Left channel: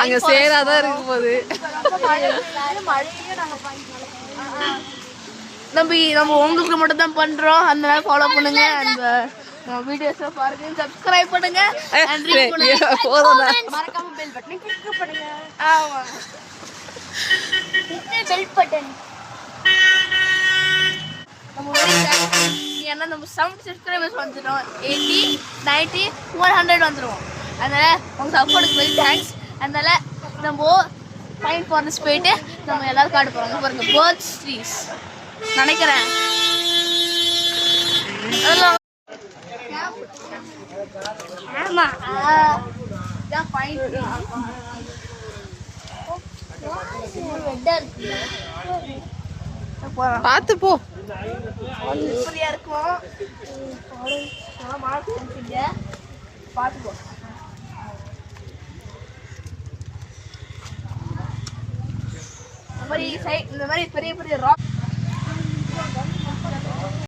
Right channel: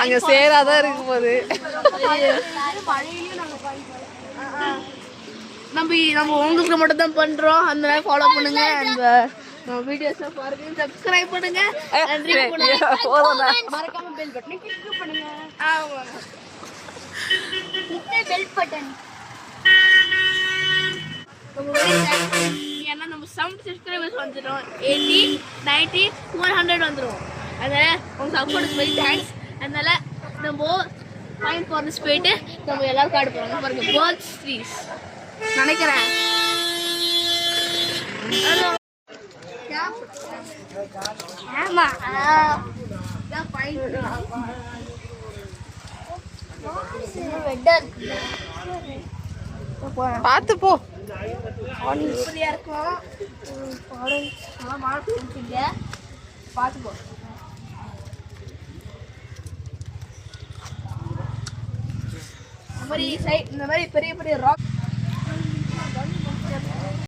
அங்க சேராதான் இருக்கும் போது நம்ம உங்களுக்கு மட்டும் தான் பண்றோம். அதனால ஃபாலோ பண்ணுங்க. அந்த வீடியோஸ் பாருங்க, சப்ஸ்கிரைப் பண்ணுங்க. மறக்காம பெல் பட்டனை கிளிக் பண்ணுங்க. ஆமா, பெல் பட்டன். ஏன்னா நம்ம 7 சப்ஸ்கிரைபர்ஸ் வந்துட்டோம். 80, 90, 100 வந்துருவோம். அதனால உங்க சப்போர்ட்டுக்கு வெரி தேங்க்ஸ். அதனால நம்ம ஃபைன் ஃபாரஸ்ட் போயிட்டு நம்ம எல்லாரும் காடு போறாங்க பாருங்க. பேர்ட்ஸ் ட்ரீஸ் நினைக்கிறேன். ஆமா, பார்த்து போ. இருக்கும் பார்த்து போ. இந்த மாதிரி பெரிய பெரிய ராக்